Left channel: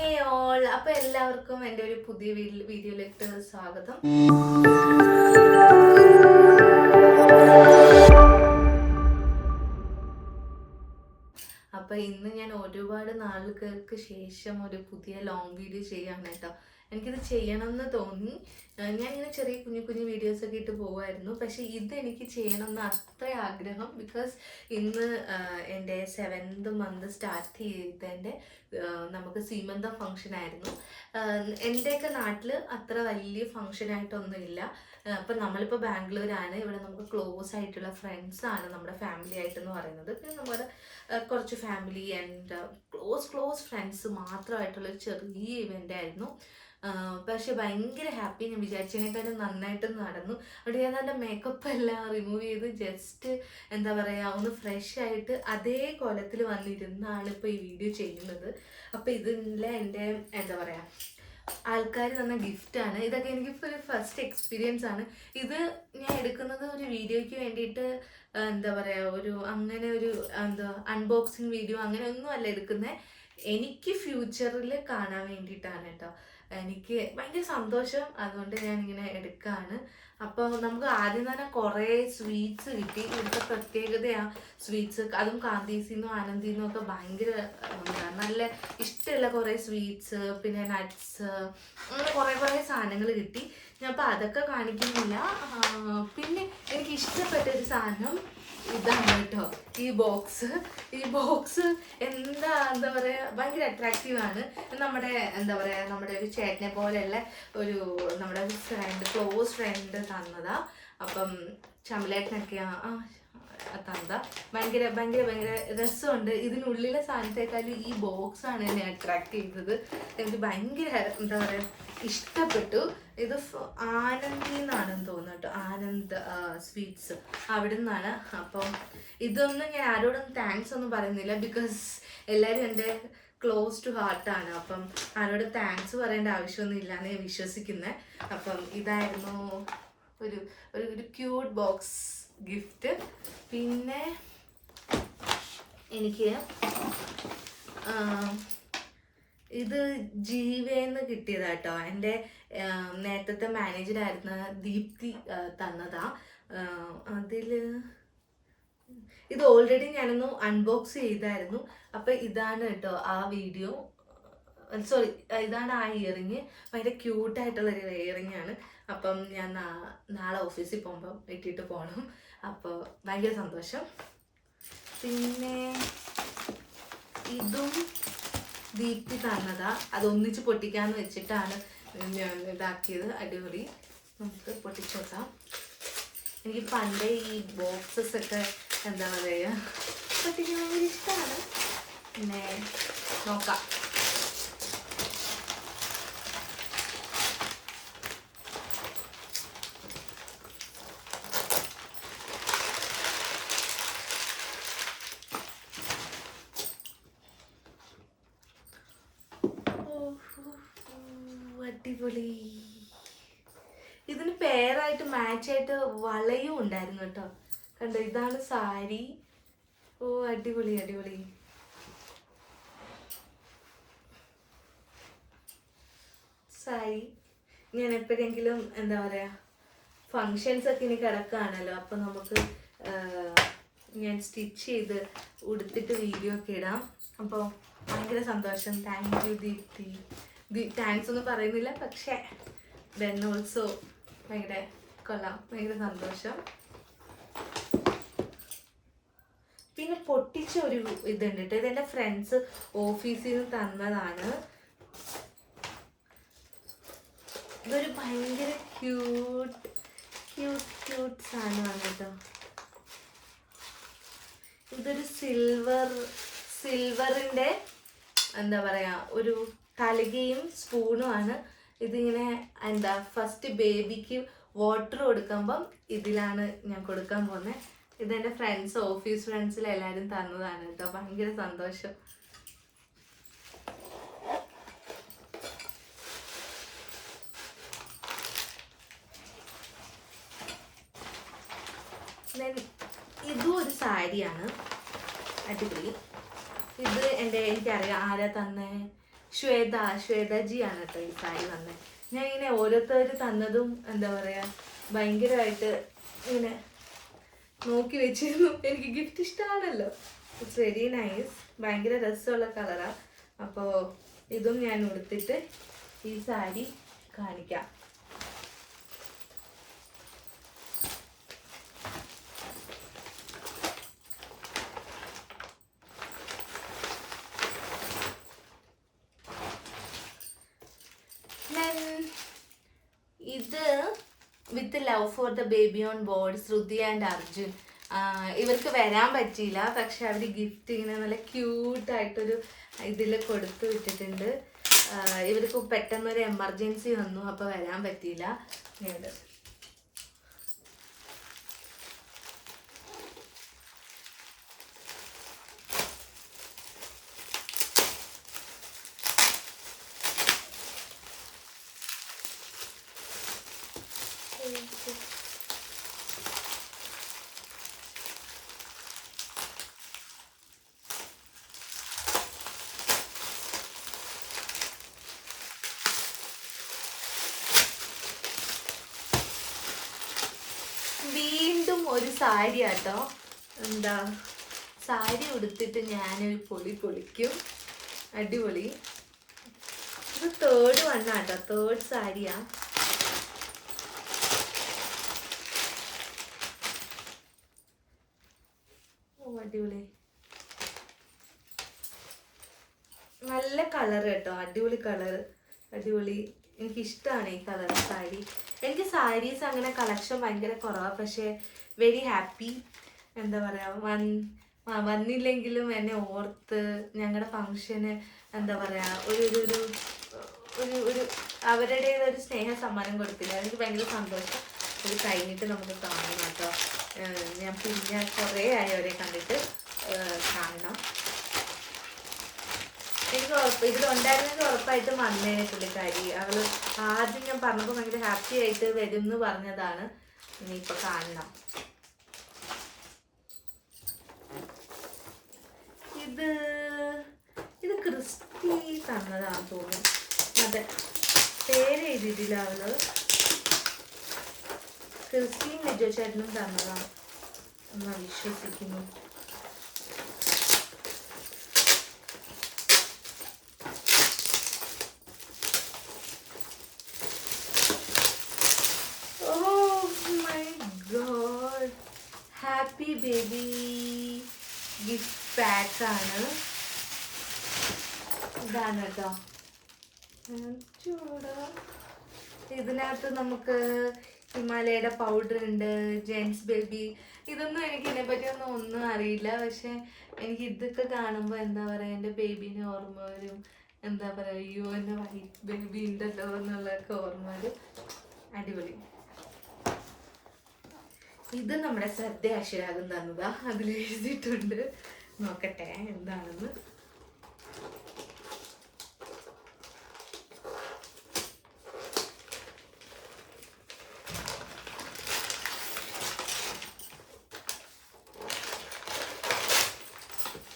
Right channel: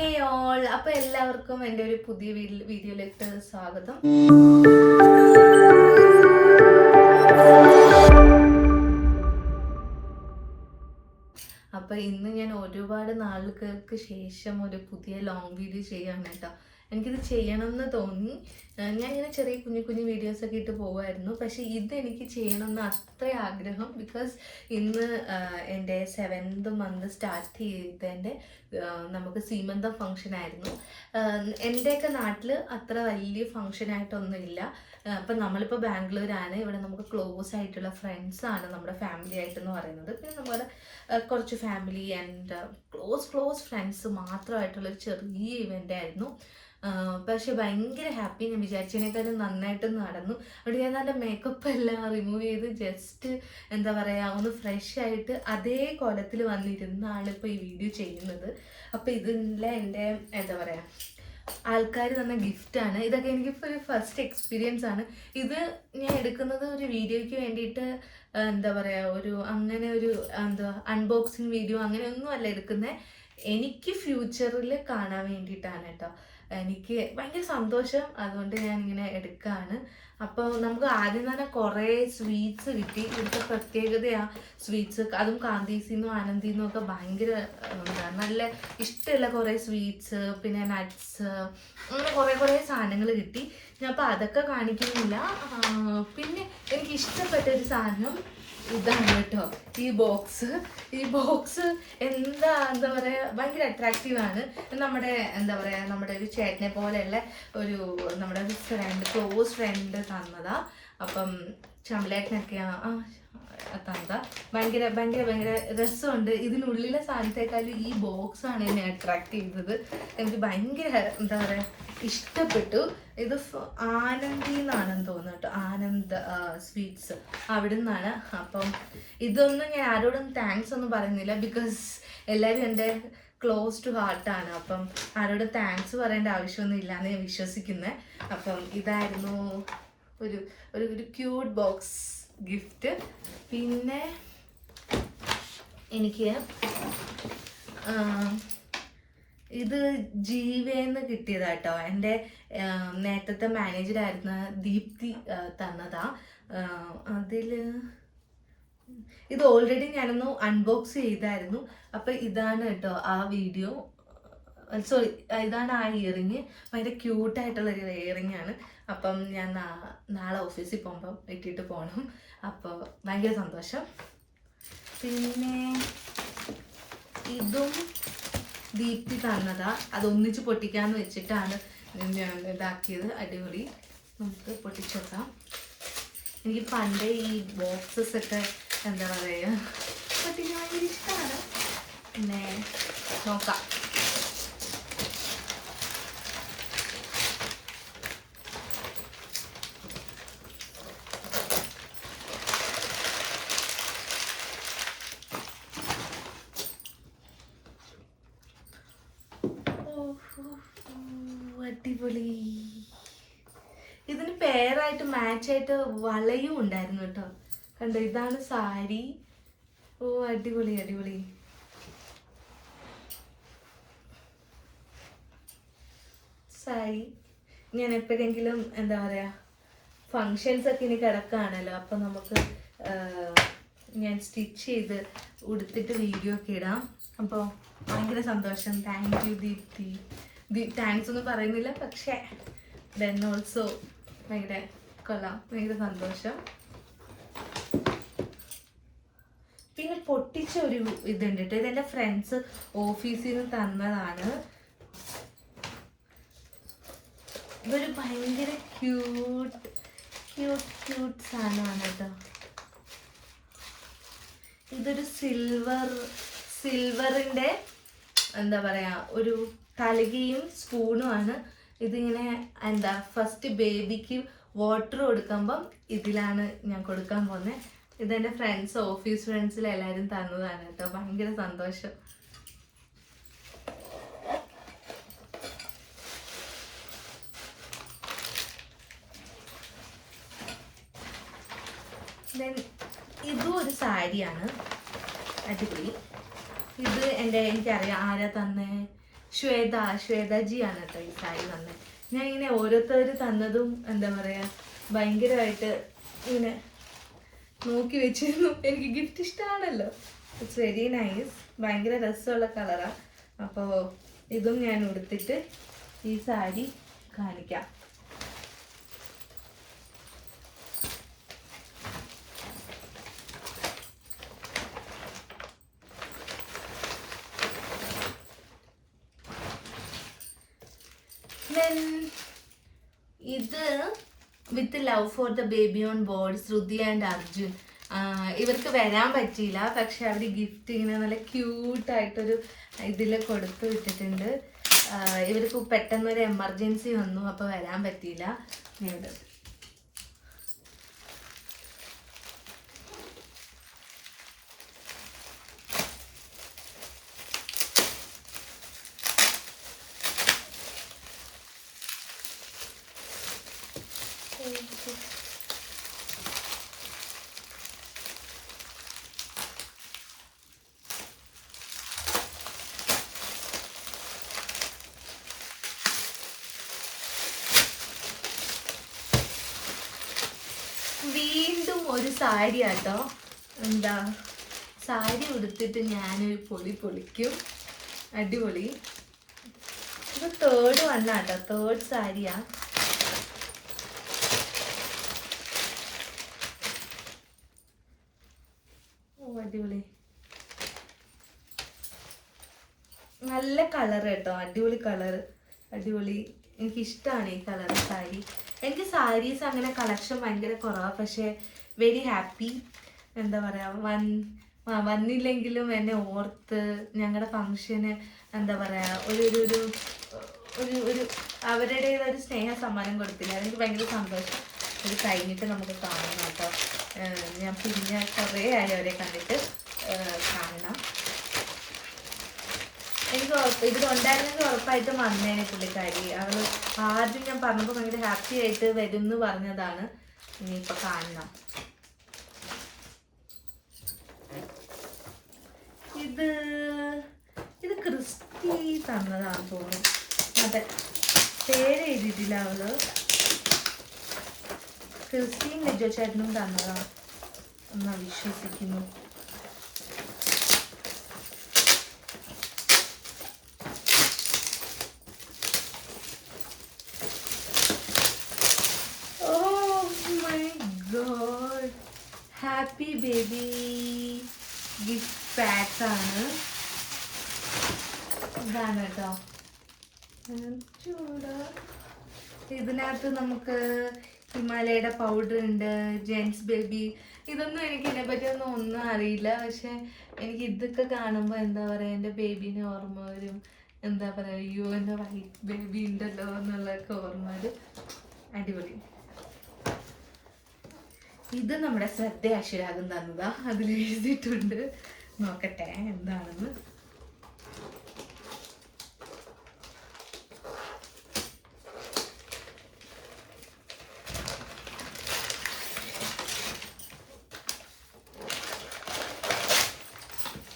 ഹേ all, അപ്പോൾ എല്ലാവർക്കും എൻ്റെ ഒരു പുതിയ വീഡിയോയിലേക്ക് സ്വാഗതം. അപ്പോൾ ഇന്ന് ഞാൻ ഒരുപാട് നാളുകൾക്ക് ശേഷം ഒരു പുതിയ ലോങ് വീഡിയോ ചെയ്യാണ് കേട്ടോ. എനിക്കിത് ചെയ്യണമെന്ന് തോന്നി. ഞാനിങ്ങനെ ചെറിയ കുഞ്ഞു കുഞ്ഞു വീഡിയോസൊക്കെ ഇട്ട് പോകുമായിരുന്നു. പക്ഷേ ഇതെനിക്ക് ചെയ്യണമെന്ന് അത്ര ആഗ്രഹം. ബിക്കോസ് ഇന്ന് എൻ്റെ 7th month സ്റ്റാർട്ട് ചെയ്തതിൻ്റെ നമുക്ക് സീമന്തം ഫംഗ്ഷൻ ആയിരുന്നു. എൻ്റെയൊക്കെ നാട്ടിൽ അത്ര വലിയ ഫംഗ്ഷനായിട്ടൊന്നുമില്ല. അപ്പം നമ്മളിപ്പോൾ ബാംഗ്ലൂരാണ്. ഇവിടെ നമുക്ക് ക്ലോസ് ആയിട്ടുള്ള ഫ്രണ്ട്സാണ് നമ്മുടെ ഫാമിലി ആയിട്ടെന്ന് പറയുന്നത്. പിന്നെ നമ്മുടെ കുറച്ച് ഫാമിലി ആൻഡ് ക്ലോസ് ഫ്രണ്ട്സ് മാത്രമായിട്ടുള്ളൊരു ചെറിയ ഇവൻ്റ് ആയിരുന്നു. പക്ഷെ ഭയങ്കര ഹാപ്പി. ഞാൻ വിചാരിച്ചതിനേക്കാളും നന്നായിട്ട് നടന്നു. അവിടെ ഞാൻ നല്ല മേക്കപ്പ് എല്ലാം റിമൂവ് ചെയ്ത് ജസ്റ്റ് എന്താ പറയുക ഒന്ന് ഫ്രഷ് ആയിട്ട് അതേ കോലത്തിൽ വന്നിരുന്നാണ് ഇപ്പോൾ ഈ വീഡിയോ ചെയ്യുന്നത്. അപ്പോൾ ഇതിലെ എൻ്റെ എന്താ പറയുക ആൾക്കാർ തന്ന ഗിഫ്റ്റാണ് ഇതൊക്കെ. എനിക്കിപ്പോൾ ഒരു ഫസ്റ്റ് എക്സ്പീരിയൻസ് ആണ് ഇത്. ഞാൻ എടുക്കുന്നത് ഒരു വീഡിയോയ്ക്ക് വേണ്ടിയിട്ട് എന്താ പറയുക അങ്ങനെ ഒരു എന്താ അൺബോക്സിങ് വീഡിയോ അങ്ങനെയൊന്നും അല്ല എടുക്കുന്നത്. എനിക്ക് ഫ്യൂച്ചറിൽ കാണാൻ വേണ്ടിയിട്ടാണ് കേട്ടോ. എനിക്ക് ഭയങ്കര സന്തോഷം, അതുകൊണ്ട് ഞാനിങ്ങനെ എടുക്കുകയാണ്. അപ്പോൾ നമുക്ക് ആദ്യം തന്നെ കുറേ സ്വീറ്റ്സ് കിട്ടി. ഇവിടുത്തെ പ്രത്യേകതയാണ് സ്വീറ്റ്സ്. അതും കാന്തീസിന്നും ആനന്ദിന്നും ഒക്കെ ഭയങ്കര നല്ല ഇഷ്ടമുള്ള കുറേ സ്വീറ്റ്സ്, പിന്നെ നട്ട്സ്, അങ്ങനെ കുറേ സാധനങ്ങൾ കിട്ടി. ഞാൻ അപ്പോൾ അതൊക്കെ കാണിക്കുന്നില്ല. പിന്നെ എനിക്ക് ഇഷ്ടപ്പെട്ട ഒരു സാധനം ഇതാണ് കേട്ടോ. ഈ ബോക്സ് എന്താ പറയുക ഭയങ്കര അട്രാക്റ്റീവാണ്. നമ്മുടെ എന്താ പറയുക നമ്മുടെ ഒരു ചേട്ടനെ പോലെയുള്ള നമ്മുടെ ക്ലോസ് ഫ്രണ്ട് തന്നതാ. അപ്പം ചമലേട്ടനൊക്കെ തന്നതാ. ഭയങ്കര രസമുണ്ട്. ഇതിനുള്ളിലെ സാധനത്തെക്കാളും ഈ ബോക്സാണ് എന്നെ അട്രാക്ട് ചെയ്തത്. എനിക്ക് ഭയങ്കര എന്താ പറയുക ഇഷ്ടപ്പെട്ടു. ഇത് ആനന്ദി എന്നാണെന്ന് തോന്നുന്നു കേട്ടോ. ആനന്ദ് സ്വീറ്റ്സ് അവിടെ നിന്നാണ്. അപ്പം ഇതൊന്നും ഞാൻ ആരോടൊന്നും താങ്ക്സ് ഒന്നും പറയുന്നില്ല. ബിക്കോസ് എല്ലാവരും എൻ്റെ ക്ലോസ് ടു ഹാർട്ടാണ്. അപ്പം ആരോട് താങ്ക്സ് പറയേണ്ട ആവശ്യമൊന്നും ഇല്ലയെന്ന് ഞാൻ വിശ്വസിക്കുന്നത്. അപ്പം ഇതായിരുന്നു ഒരു ക്യൂട്ട് ബോക്സ് ഗിഫ്റ്റ്. പിന്നെ എനിക്ക് ഇത് ജീവേന്ന് കിട്ടിയതാട്ടോ. എൻ്റെ നേരത്തെ മാനേജറായിരുന്ന ദീപ്തി തന്നതാ. ഇത് ഓൾറെഡി ഞാനൊന്ന് അൺബോക്സ് ചെയ്തായിരുന്നു. അപ്പം ഇതാണ് കേട്ടോ ആ വീഡിയോ. സോറി, ഇതാണ് ആ ഇയറിങ്. ഭയങ്കര ക്യൂട്ടായിട്ടുള്ളൊരു ഇയറിങ് ആണ്. അപ്പം ഞാൻ നാളെ ഓഫീസിൽ പോകുമ്പം ഇട്ടിട്ട് പോകണം. അപ്പോൾ ഭയങ്കര സന്തോഷം. പിന്നെ ഇതും ദീപ്തി തന്നതാ. അതൊന്നിച്ച് പൊട്ടിക്കാന്ന് വെച്ചിട്ടാണ് ഞാൻ ഇതാക്കിയത്. അടിപൊളി. നമുക്ക് പൊട്ടിച്ചോക്കാം. എനിക്ക് പണ്ടേ ഈ ബോക്സസ് ഒക്കെ എന്താ പറയുക പൊട്ടിക്കാൻ ഭയങ്കര ഇഷ്ടമാണ്. പിന്നെ നോക്കാം. അടിപൊളി. ഇതിന് പേരായിട്ട് മാച്ചായിട്ട് വളയും ഉണ്ടായിരുന്നു കേട്ടോ. കണ്ടോ, ഇതാണ് സാരി. അടിപൊളി. സാരി ഞാൻ എപ്പോഴെങ്കിലും എന്താ പറയാ ഫങ്ഷൻസ് ഒക്കെ ഇനി കിടക്കുകയാണല്ലോ, അപ്പൊ നമുക്ക് ഞാൻ സ്റ്റിച്ച് ചെയ്ത് ഉടുത്തിട്ട് വീഡിയോ ഒക്കെ ഇടാം. അപ്പോൾ ഭയങ്കര സന്തോഷം. Thank you Deepthi. താങ്ക്സ് ഒന്നും പറയുന്നില്ല, പക്ഷേ ദെൻ ഓൾസോ ഭയങ്കര കൊള്ളാം. ഭയങ്കര സന്തോഷം. പിന്നെ പൊട്ടിച്ച ഒരു ഇതുണ്ട് കേട്ടോ. ഇതെൻ്റെ ഫ്രണ്ട്സ് ഓഫീസിൽ നിന്ന് തന്നതാണ്. ഇതൊരു ഭയങ്കര ക്യൂട്ട് സാധനമാണ് കേട്ടോ. ഇതൊരു സിൽവറിൻ്റെ എന്താ പറയുക ഒരു തളികയും സ്പൂണുമാണ്. ഇതിങ്ങനെ എന്താ ഫസ്റ്റ് ബേബിക്ക് വാട്ടർ കൊടുക്കുമ്പം ഇതിലാണ് ഞാൻ കൊടുക്കാൻ പോകുന്നത്. ഇതെൻ്റെ ഫ്രണ്ട്സ് ഓഫീസ് ഫ്രണ്ട്സിലെല്ലാവരും തന്നതാണ് കേട്ടോ. ഭയങ്കര സന്തോഷം. ഇതും ഒരു സാരിയാണ്. അടിപൊളി. ഇത് എനിക്കറിയാം ആരാ തന്നെ. ശ്വേതജി ആണ് കേട്ടോ ഈ സാരി വന്നത്. ഞാൻ ഇങ്ങനെ ഓരോരുത്തർ തന്നതും എന്താ പറയാ ഭയങ്കരമായിട്ട് ഇങ്ങനെ നോക്കി വെച്ചിരുന്നു. എനിക്ക് ഗിഫ്റ്റ് ഇഷ്ടമാണല്ലോ. It's very nice. ഭയങ്കര രസമുള്ള കളറാണ്. അപ്പോൾ ഇതും ഞാൻ ഉടുത്തിട്ട് ഈ സാരി കാണിക്കാം. ഇത് with love for the baby on board, Shruti and Arjun. ഇവർക്ക് വരാൻ പറ്റിയില്ല, പക്ഷെ അവർ ഗിഫ്റ്റ് ഇങ്ങനെ നല്ല ക്യൂട്ടായിട്ടൊരു ഇതിൽ കൊടുത്തു വിട്ടിട്ടുണ്ട്. ഇവർക്ക് പെട്ടെന്നൊരു എമർജൻസി വന്നു, അപ്പോൾ വരാൻ പറ്റിയില്ല. ഇവിടെ വീണ്ടും ഒരു സാരി ആട്ടോ. എന്താ സാരി ഉടുത്തിട്ട് ഞാനൊരു പൊളിക്കും. അടിപൊളി. ഇത് തേർഡ് വണ്ണാട്ടോ, തേർഡ് സാരിയാ. അടിപൊളി, നല്ല കളർ കേട്ടോ, അടിപൊളി കളറ്, അടിപൊളി. എനിക്കിഷ്ടമാണ് ഈ കളർ സാരി. എനിക്ക് സാരീസ് അങ്ങനെ കളക്ഷൻ ഭയങ്കര കുറവാണ്, പക്ഷേ വെരി ഹാപ്പി. എന്താ പറയുക, വന്നില്ലെങ്കിലും എന്നെ ഓർത്ത് ഞങ്ങളുടെ ഫങ്ഷന് എന്താ പറയുക ഒരു ഒരു ഒരു ഒരു അവരുടേതൊരു സ്നേഹ സമ്മാനം കൊടുത്തില്ല. എനിക്ക് ഭയങ്കര സന്തോഷം. അത് കഴിഞ്ഞിട്ട് നമുക്ക് കാണണം കേട്ടോ. ഞാൻ പിന്നെ കുറേ ആയി അവരെ കണ്ടിട്ട് കാണണം. എനിക്ക് ഇതിലുണ്ടായിരുന്നെങ്കിൽ ഉറപ്പായിട്ടും വന്നേനെ പുള്ളിക്കാരി. അവള് ആദ്യം ഞാൻ പറഞ്ഞപ്പോൾ ഭയങ്കര ഹാപ്പി ആയിട്ട് വരും എന്ന് പറഞ്ഞതാണ്. ഇനിയിപ്പോൾ കാണണം. ഇത് ക്രിസ്റ്റി തന്നതാണെന്ന് തോന്നുന്നു. അതെ, പേര് എഴുതിയിട്ടില്ല അവള്. ക്രിസ്റ്റീൻ ലിജോ ചേട്ടനും തന്നതാണ് എന്നാ വിശ്വസിക്കുന്നു. ഹാപ്പി ബേബി ഗിഫ്റ്റ് പാക്ക് ആണ്. ഇതാണ് കേട്ടോ. ഇതിനകത്ത് നമുക്ക് ഹിമാലയയുടെ പൗഡർ ഉണ്ട്, ജെൻസ് ബേബി. ഇതൊന്നും എനിക്ക് ഇതിനെപ്പറ്റി ഒന്നും അറിയില്ല, പക്ഷെ എനിക്ക് ഇതൊക്കെ കാണുമ്പോൾ എന്താ പറയുക എൻ്റെ ബേബീനെ ഓർമ്മ വരും. എന്താ പറയുക, അയ്യോ എൻ്റെ വൈറ്റ് ബേബി ഉണ്ടല്ലോ എന്നുള്ളതൊക്കെ ഓർമ്മ വരും. അടിപൊളി. ഇത് നമ്മുടെ ശ്രദ്ധ അശ്വരാഗം തന്നതാ. അതിൽ എഴുതിയിട്ടുണ്ട്, നോക്കട്ടെ എന്താണെന്ന്.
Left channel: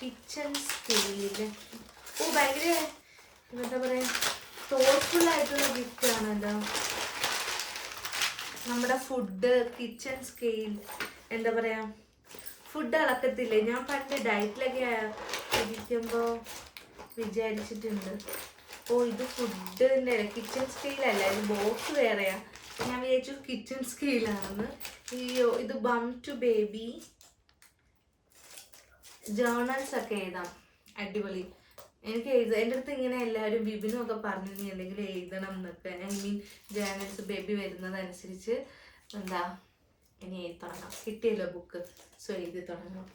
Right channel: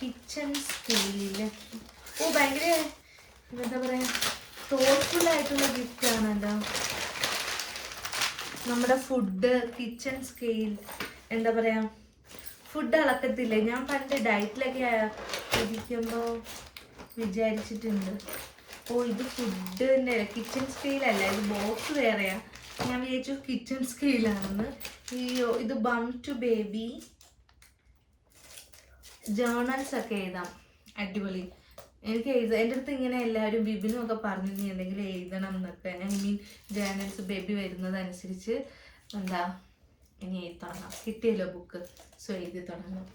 Kitchen scale. ഓ, ഭയങ്കര എന്താ പറയാ തോട്ട്ഫുൾ ആയിട്ടുള്ള ഗിഫ്റ്റ് ആണ് കേട്ടോ. നമ്മുടെ ഫുഡ് കിച്ചൺ സ്കെയിൽ. എന്താ പറയാ, ഫുഡ് അളക്കത്തില്ലേ, ഞാൻ പണ്ട് ഡയറ്റിലൊക്കെ ഇരിക്കുമ്പോൾ വിചാരിച്ചിട്ടുണ്ട്. ഓ, ഇത് ഫുഡിൻ്റെ കിച്ചൺ സ്കെയിലല്ലേ, ഇത് ബോക്സ് വേറെയാ. ഞാൻ വിചാരിച്ചു കിച്ചൺ സ്കെയിലാണെന്ന്. ഇത് ബം ടു ബേബി ജേർണൽസ് ഒക്കെ എഴുതാം. അടിപൊളി. എനിക്ക് എൻ്റെ അടുത്ത് ഇങ്ങനെ എല്ലാവരും ബിബിനും ഒക്കെ പറഞ്ഞു നീ എന്തെങ്കിലും എഴുതണം എന്നൊക്കെ. ഐ മീൻ ജേർണൽസ് ബേബി വരുന്നതനുസരിച്ച് എന്താ ഇനി എഴുതി തുടങ്ങാം. കിട്ടിയല്ലോ ബുക്ക്, സോ എഴുതി തുടങ്ങാം.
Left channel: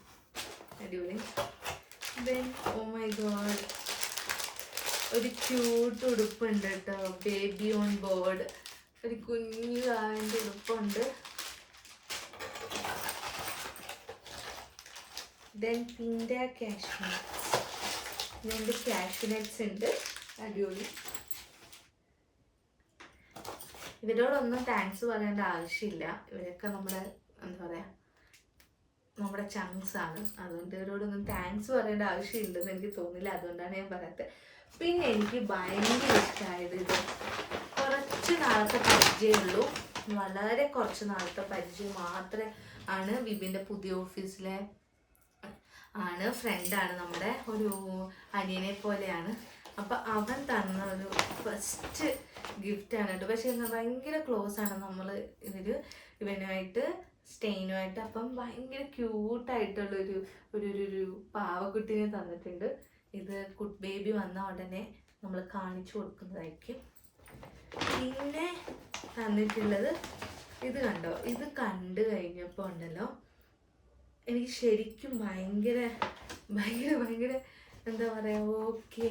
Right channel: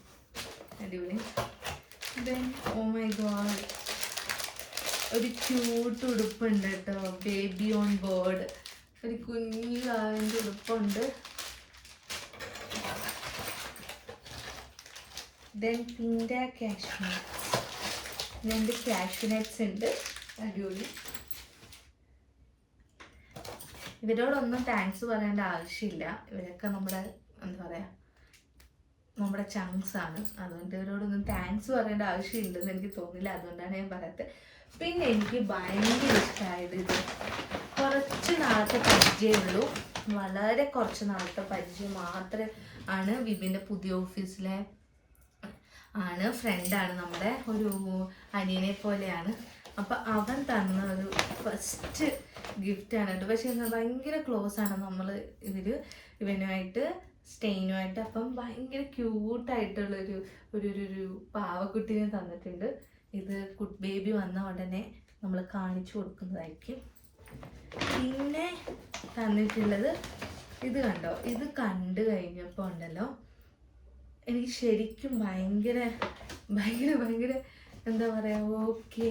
അടിപൊളി. ദെൻ ഓ മൈ ഗോഡ്, ഒരു ക്യൂട്ട് ഉടുപ്പുണ്ട് കേട്ടോ, ബേബി ഓൺ ബോർഡ്. ഒരു കുഞ്ഞു കാലിൻ്റെ ഉടുപ്പുണ്ട്. ദെൻ പിൻഡ കാഷ്മീർ. രണ്ട് കാഷ്യൂനട്ട്സ് ഉണ്ട്. അടിപൊളി. ഇവരോടൊന്നും താങ്ക്സ് പറയേണ്ട ആവശ്യമില്ല. ഇവരൊക്കെ നമ്മുടെ എന്താ പറയുക നമ്മുടെ ചങ്ക്സ് ആണ്. അതുകൊണ്ട് ഇവരോടൊന്നും താങ്ക്സ് പറയേണ്ട ആവശ്യമില്ലെന്ന് എനിക്ക് തോന്നില്ല. അതുകൊണ്ടാണ് ഞാൻ പറയാത്തത്. പിന്നെ എനിക്ക് ഭയങ്കര ഇഷ്ടമായത് ഇത് കുറച്ച് നാളത്തെ പരിചയമുള്ളൂ, വളരെ കുറച്ച് നാളത്തെ പരിചയം മാത്രമേ ആണ്. വിപിൻ്റെ പുതിയ ഓഫീസിലെ ഫ്രണ്ടാണ്, നമ്മുടെ ഒരു അനിയനെ പോലെയാണ്. അപ്പം അവൻ തന്ന ഒരു ഫസ്റ്റ് ഗിഫ്റ്റാണ് കേട്ടോ. പക്ഷെ ഭയങ്കര ക്ലോസ് ആണ് നമ്മൾ ഇവനുമായിട്ട്, സ്റ്റെയിനുമായിട്ട്. അപ്പം ഭയങ്കര ക്യൂട്ടായിട്ടുള്ളൊരു ഒരു പാവക്കുട്ടീനെ തന്നിട്ടുണ്ട്. ഇത് ബേബി വന്ന ഉടനെ നമ്മൾ കാണിച്ചു കൊടുക്കുന്നതായിരിക്കും. പിന്നെ തന്നിട്ടുള്ളത് ഇത് കണ്ടോ, ഇത് കണ്ടു കഴിഞ്ഞപ്പോൾ ഉണ്ടല്ലോ എനിക്ക് ശരിക്കും ഭയങ്കര ഭയങ്കര ഭയങ്കര എന്താ പറയുക, ഓക്കേ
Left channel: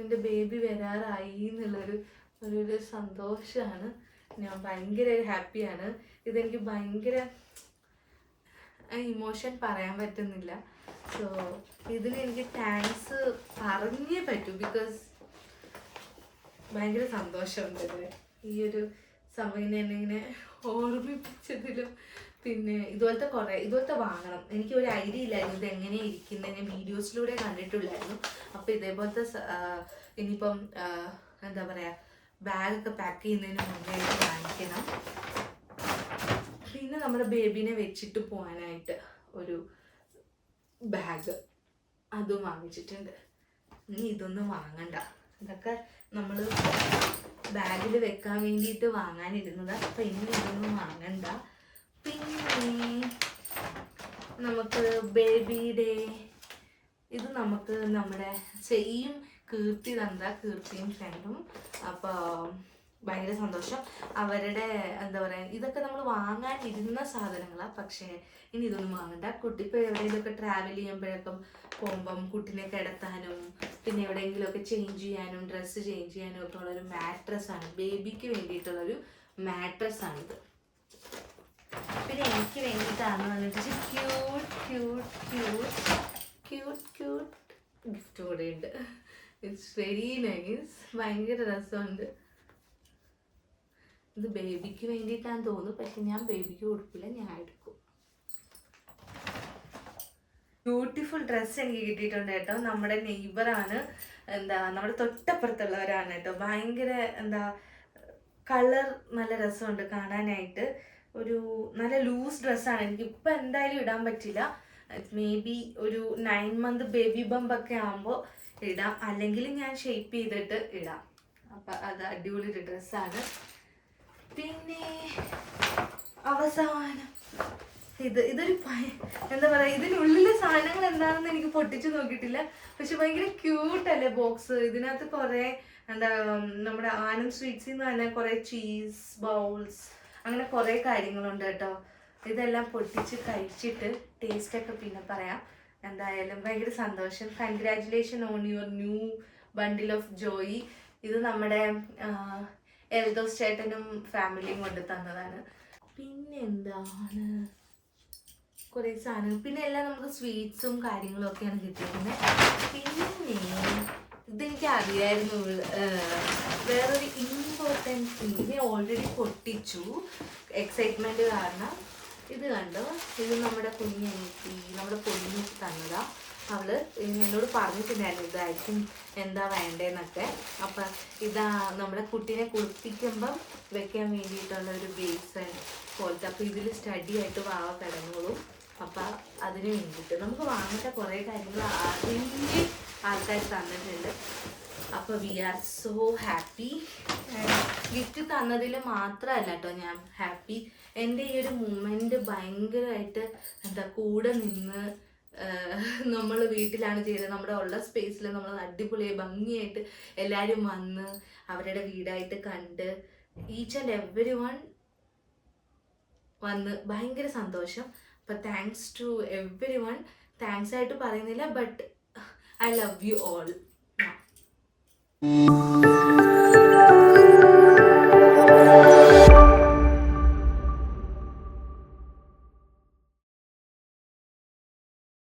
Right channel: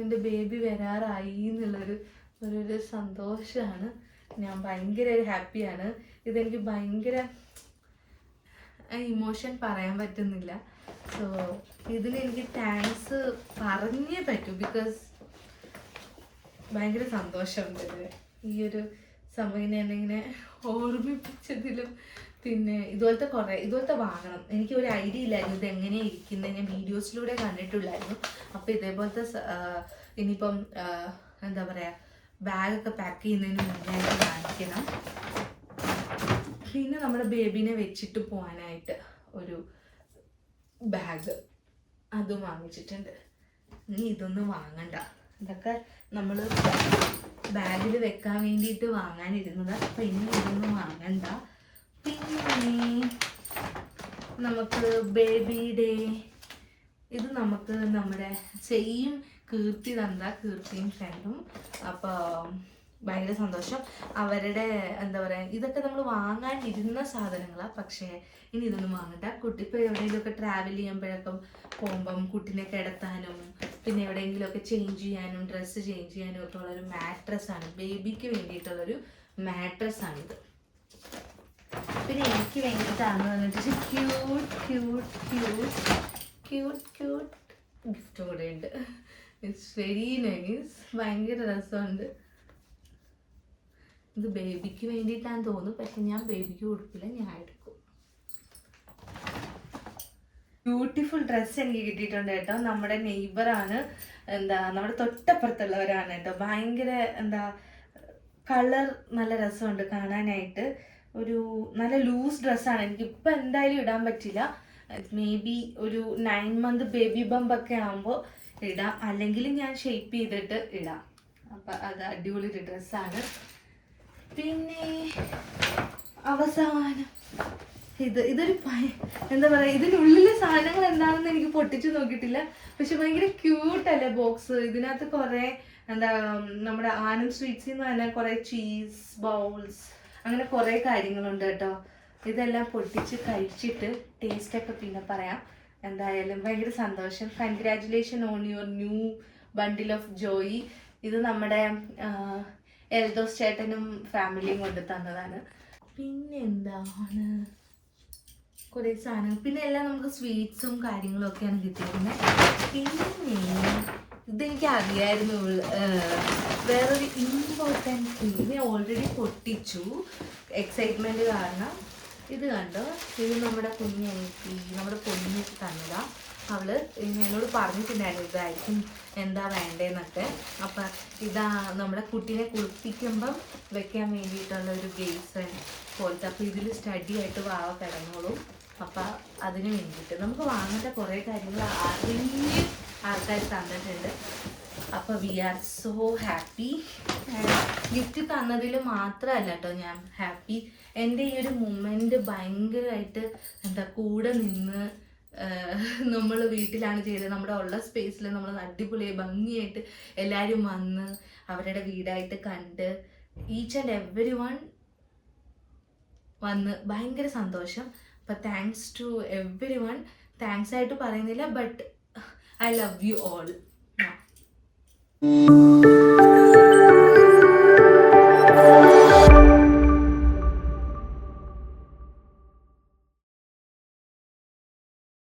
എൻ്റെ ബേബി വരാറായി എന്നുള്ളൊരു സന്തോഷമാണ്. ഞാൻ ഭയങ്കര ഹാപ്പിയാണ്. ഇതെനിക്ക് ഭയങ്കര ഇമോഷൻ പറയാൻ പറ്റുന്നില്ല. സോ ഇതിന് എനിക്ക് താങ്ക്സ് പറഞ്ഞേ പറ്റൂ, ബിക്കോസ് ഭയങ്കര സന്തോഷമുണ്ട് ഇതിന്. ഈ ഒരു സമയം എന്നെ ഓർമ്മിപ്പിച്ചതിലും. പിന്നെ ഇതുപോലത്തെ വാങ്ങണം. എനിക്ക് ഒരു ഐഡിയ ഇല്ലായിരുന്നു ഇത് എങ്ങനെയാണ് ഇരിക്കുന്നത്, ഞാൻ വീഡിയോസിലൂടെ കണ്ടിട്ടുള്ളായിരുന്നു. അപ്പോൾ ഇതേപോലത്തെ ഇനിയിപ്പം എന്താ പറയുക, ബാഗൊക്കെ പാക്ക് ചെയ്യുന്നതിന് മുന്നായിട്ട് കാണിക്കണം. പിന്നെ നമ്മുടെ ബേബീനെ വെച്ചിട്ട് പോകാനായിട്ട് ഒരു ബാഗ് അതും വാങ്ങിച്ചിട്ടുണ്ട്. ഇനി ഇതൊന്നും വാങ്ങണ്ട, ഇതൊക്കെ നമ്മൾ ബാഗിൽ വെക്കാൻ വേണ്ടിയിട്ട് വാങ്ങാനിരുന്നതാണ്. അപ്പം ഇനി ഇതൊന്നും വാങ്ങണ്ട. പിന്നെ നമുക്ക് ബേബി ഡേ, ഇത് നമുക്ക് നമ്മുടെ സെയിം കീർത്തിയും ഫ്രണ്ടും. അപ്പോൾ ഭയങ്കര സന്തോഷം. അവരുടെ എന്താ പറയുക, ഇതൊക്കെ നമ്മൾ വാങ്ങാനിരുന്ന സാധനങ്ങളാണ്. പക്ഷേ ഇനി ഇതൊന്നും വാങ്ങണ്ട. കുട്ടി ഇപ്പോൾ എവിടെയെങ്കിലുമൊക്കെ ട്രാവൽ ചെയ്യുമ്പോഴൊക്കെ പോകുമ്പം കുട്ടീനെ കിടത്താനും പിന്നെ എവിടെയെങ്കിലുമൊക്കെ ചേഞ്ച് ചെയ്യാനും ഡ്രസ്സ് ചേഞ്ച് ചെയ്യാനും ഒക്കെ ഉള്ളൊരു മാട്രസ്സാണ്. ബേബിക്ക് വേണ്ടിയിട്ടുള്ളൊരു മാട്രസ്സാണിത്. പിന്നെ എനിക്ക് വേണ്ടിയിട്ടാണെന്ന് പറഞ്ഞിട്ട് ക്യൂട്ട് ഗിഫ്റ്റ് കൂടെ ഉണ്ട്. ഇറ്റ്സ് വെരി നൈസ്, ഭയങ്കര രസമുണ്ട്. ഇത് ബേബിക്ക് വേണ്ടിയിട്ടാന്ന് തോന്നുന്നു, പക്ഷെ ഞാൻ ബേബിക്ക് കൊടുക്കില്ല, ഞാൻ എടുക്കും. ബ്യൂട്ടിഫുൾ ഡ്രസ്സ് എനിക്ക് കിട്ടിയിട്ടുണ്ട് കേട്ടോ. നമ്മുടെ നെയ്ബറാണ്, നമ്മുടെ തൊട്ടപ്പുറത്തുള്ളവരാണ് കേട്ടോ. ഭയങ്കര കളർ നല്ല രസമുണ്ട് കാണാനായിട്ട്. ഒരു നല്ല ലൂസ് ഡ്രസ്സാണ്. എനിക്കിപ്പോൾ എന്തായാലും ഇടാൻ പറ്റില്ല. മേ ബി ഒരു 9 month ബേബി ബമ്പൊക്കെ ആകുമ്പോൾ ഇടാം, അല്ലെങ്കിൽ ഞാൻ ഷേപ്പ് ചെയ്തിട്ട് ഇടാം. അപ്പം അത് അടിപൊളി ഒരു ഡ്രസ്സാണ്. പിന്നെ അവസാനം ഇതൊരു എന്താ പറയുക, ഇതിനുള്ളിലെ സാധനങ്ങൾ എന്താണെന്ന് എനിക്ക് പൊട്ടിച്ചു നോക്കിയിട്ടില്ല. പക്ഷെ ഭയങ്കര ക്യൂട്ടല്ലേ ബോക്സ്. ഇതിനകത്ത് കുറേ നമ്മുടെ ആനന്ദ് സ്വീറ്റ്സിൽ നിന്ന് തന്നെ കുറേ ചീസ് ബൗൾസ് അങ്ങനെ കുറേ കാര്യങ്ങളുണ്ട് കേട്ടോ. ഇതെല്ലാം പൊട്ടിച്ച് കഴിച്ചിട്ട് ടേസ്റ്റൊക്കെ പിന്നെ പറയാം. എന്തായാലും ഭയങ്കര സന്തോഷം. Congratulation on your new bundle of Joy. ഇത് നമ്മുടെ എൽദോസ് ചേട്ടനും ഫാമിലിയും കൊണ്ട് തന്നതാണ്. പിന്നെ എന്താണ് കുറേ സാധനങ്ങൾ, പിന്നെ എല്ലാം നമുക്ക് സ്വീറ്റ്സും കാര്യങ്ങളും ഒക്കെയാണ് കിട്ടിയിരുന്നത്. പിന്നെ ഇതെനിക്ക് അറിയായിരുന്നു. വേറൊരു ഇമ്പോർട്ടൻറ്റ് തിങ് ഞാൻ ഓൾറെഡി പൊട്ടിച്ചു എക്സൈറ്റ്മെൻറ്റ് കാരണം. ഇത് കണ്ടോ, ഇത് നമ്മുടെ കുഞ്ഞെനിക്ക് നമ്മുടെ പൊന്നിക്ക് തന്നതാണ്. അവള് എന്നോട് പറഞ്ഞിട്ടുണ്ടായിരുന്നു ഇതായിരിക്കും എന്താ വേണ്ടതെന്നൊക്കെ. അപ്പം ഇതാ നമ്മുടെ കുട്ടീനെ കുളിപ്പിക്കുമ്പം വെക്കാൻ വേണ്ടിയിട്ടുള്ള ഒരു ബേസൺ പോലത്തെ. അപ്പോൾ ഇതിൽ സ്റ്റഡി ആയിട്ട് വാവ കിടന്നോളും. അപ്പം അതിന് വേണ്ടിയിട്ട് നമുക്ക് വാങ്ങേണ്ട കുറേ കാര്യങ്ങൾ അറിഞ്ഞ് ആൾക്കാർ തന്നിട്ടുണ്ട്. അപ്പോൾ we are so happy. Gift തന്നതിൽ മാത്രമല്ല കേട്ടോ ഞാൻ ഹാപ്പി, എൻ്റെ ഈ ഒരു മൊമെൻ്റ് ഭയങ്കരമായിട്ട് കൂടെ നിന്ന് നമ്മൾ വീട്ടിലാണ് ചെയ്തത്. നമ്മുടെ ഉള്ള സ്പേസിൽ നമ്മൾ അടിപൊളിയായി ഭംഗിയായിട്ട് എല്ലാവരും വന്ന് അവരുടെ വീടായിട്ട് കണ്ട് ഈച്ച് ആൻഡ് എവരി വൺ വന്ന് ഭയങ്കര സന്തോഷം. അപ്പോൾ thanks to everyone. Thanks ആയിട്ട് പറയുന്നില്ല, but I love you all.